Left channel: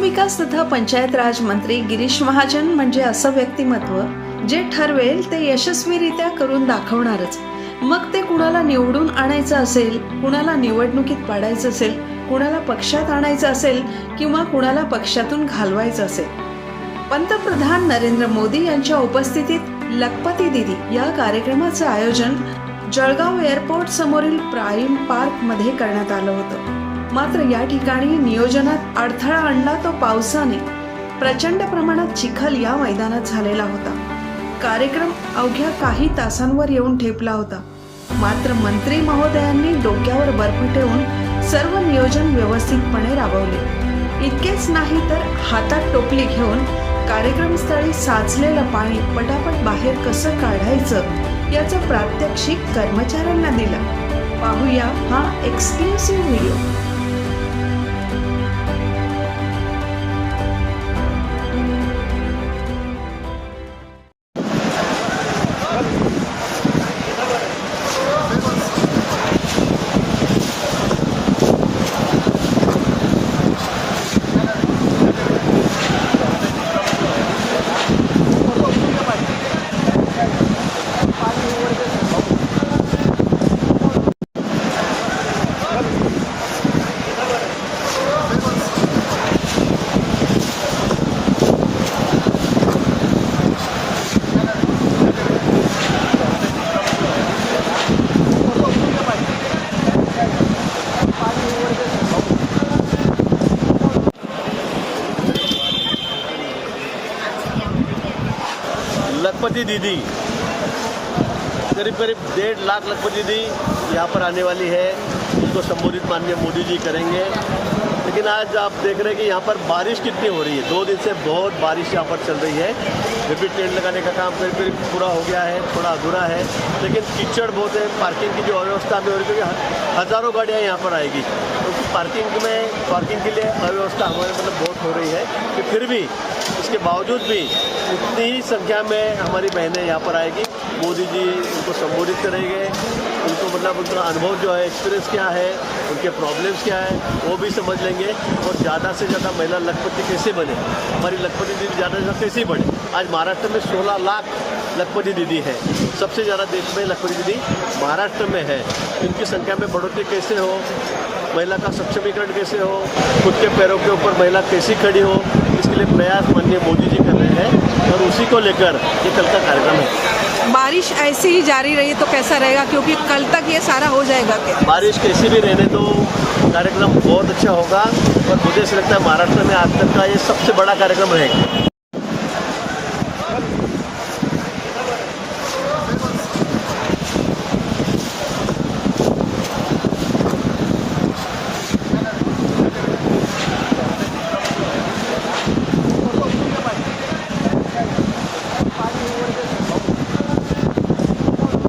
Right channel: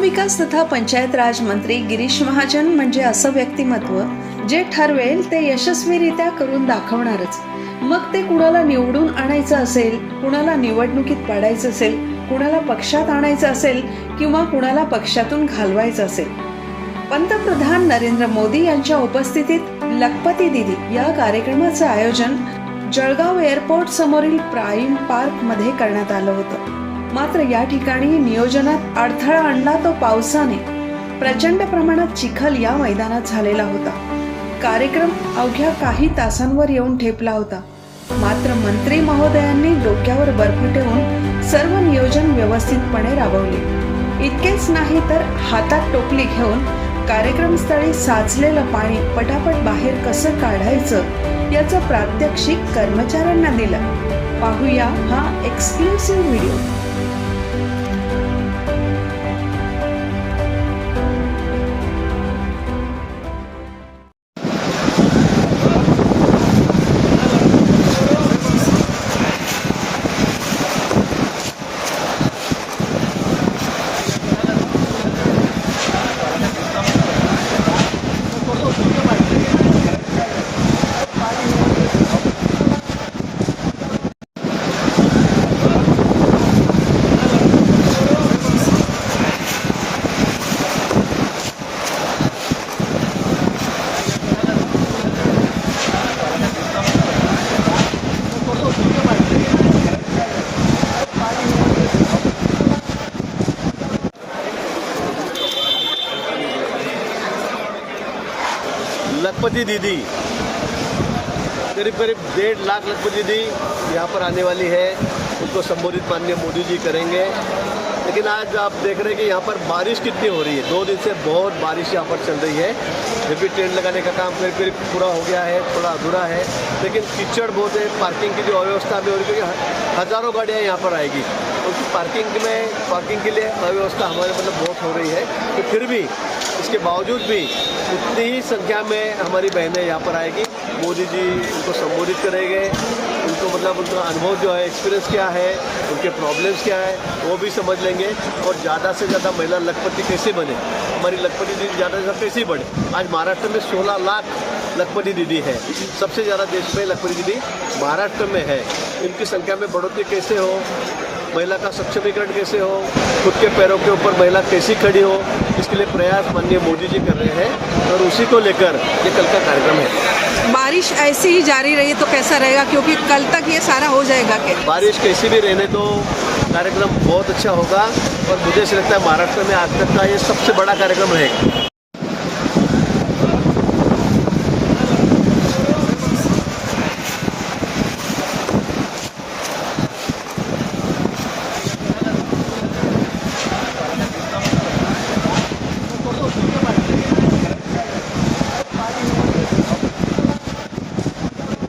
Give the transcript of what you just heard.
विकास तथा पंचायत राज मंत्री गिरीश महाजन म्हणजे असं व्यक्तिमत्व जे ठरवेल ते यशस्वीरित्या करून दाखवणारच मग ते कुणाला निवडून आणायचं असेल कुणाला निवडणुकीत पाडायचं असेल कुणाला पक्षात आणायचं असेल किंवा कुणाला पक्षातून घालवायचं असेल पंतप्रधान नरेंद्र मोदी यांच्या उपस्थितीत लखपती दिदी या कार्यक्रमाचं आयोजन जळगाव एअरपोर्ट समोरील प्राईम मध्ये करण्यात आलं होतं मात्र या ठिकाणी नियोजनात अडथळा आणला तो पावसाने प्रचंड प्रमाणात चिखल या मैदानात झालेला होता कार्यक्रम अवघ्या काही तासांवर येऊन ठेपला होता मात्र मंत्री महोदयांनी डोक्यावर बर्फ ठेवून सर्व नियोजन व्यवस्थितपणे राबवले इतकेच नाही तर हातात टोपली घेऊन कार्यक्रमस्थळी साचलेलं पाणी पटापट बाहेर कसं काढायचं याचं प्रात्यक्षिक कर्मचाऱ्यांना दिलं पाहूया हा एक्सक्लुसिव्ह व्हिडिओ लखपति दीदी करीब करीब डेढ़ लाख लखपति दीदी यहाँ पर आने वाली है उनको संबोधित माननीय मोदी जी करेंगे लेकिन आज आप देख रहे हैं कि यहाँ पर बारिश कितनी हो रही है दो दिन से बहुत बारिश यहाँ पर चल रही है फिर भी टेंट लगाने का काम करीब करीब पूरा हो गया है थोड़ा अधूरा है लेकिन कीचड़ बहुत है पार्किंग की जो अव्यवस्था भी हो रही है क्योंकि हज़ारों गाड़ियाँ यहाँ पर आएगी क्योंकि तो पार्किंग में पार्किंग के लिए अव्यवस्था हमारे मतलब बहुत हो रही है कि तो फिर भी इसके बावजूद भी उतनी ही संख्या में हमारी बहनें यहाँ पर आएगी मोदी जी उनको संबोधित करेंगे उनको मतलब उनका अनुभव जो है एक्सपीरियंस क्या है उनके प्रॉब्लम्स क्या है वो भी समझ लेंगे और ज़्यादा से ज़्यादा महिला लखपति कैसे बने हमारी लखपति दीदी ज़्यादा से ज़्यादा कैसे बढ़े आज महाराष्ट्र में सोलह लाख लखपति दीदी है सबसे ज़्यादा देश में लखपति दीदी महाराष्ट्र में है इनकी संख्या में बढ़ोतरी कैसे हो महिला का सक्षमीकरण कैसे हो खुद के पैरों के ऊपर महिला कैसी खड़ी हो इसके लिए प्रयास माननीय मोदी जी कर रहे हैं और उसी को लेकर ये कल का कार्यक्रम है बारिश ऐसी ही जारी रही तो कैसा रहेगा क्योंकि कल तक ये सारा हो जाएगा बारिश कैसी भी रहने तो कार्यक्रम बहुत अच्छा होगा और मुझे ऐसे लगता है महाराष्ट्र में आज तक का ये सबसे बड़ा कार्यक्रम रहेगा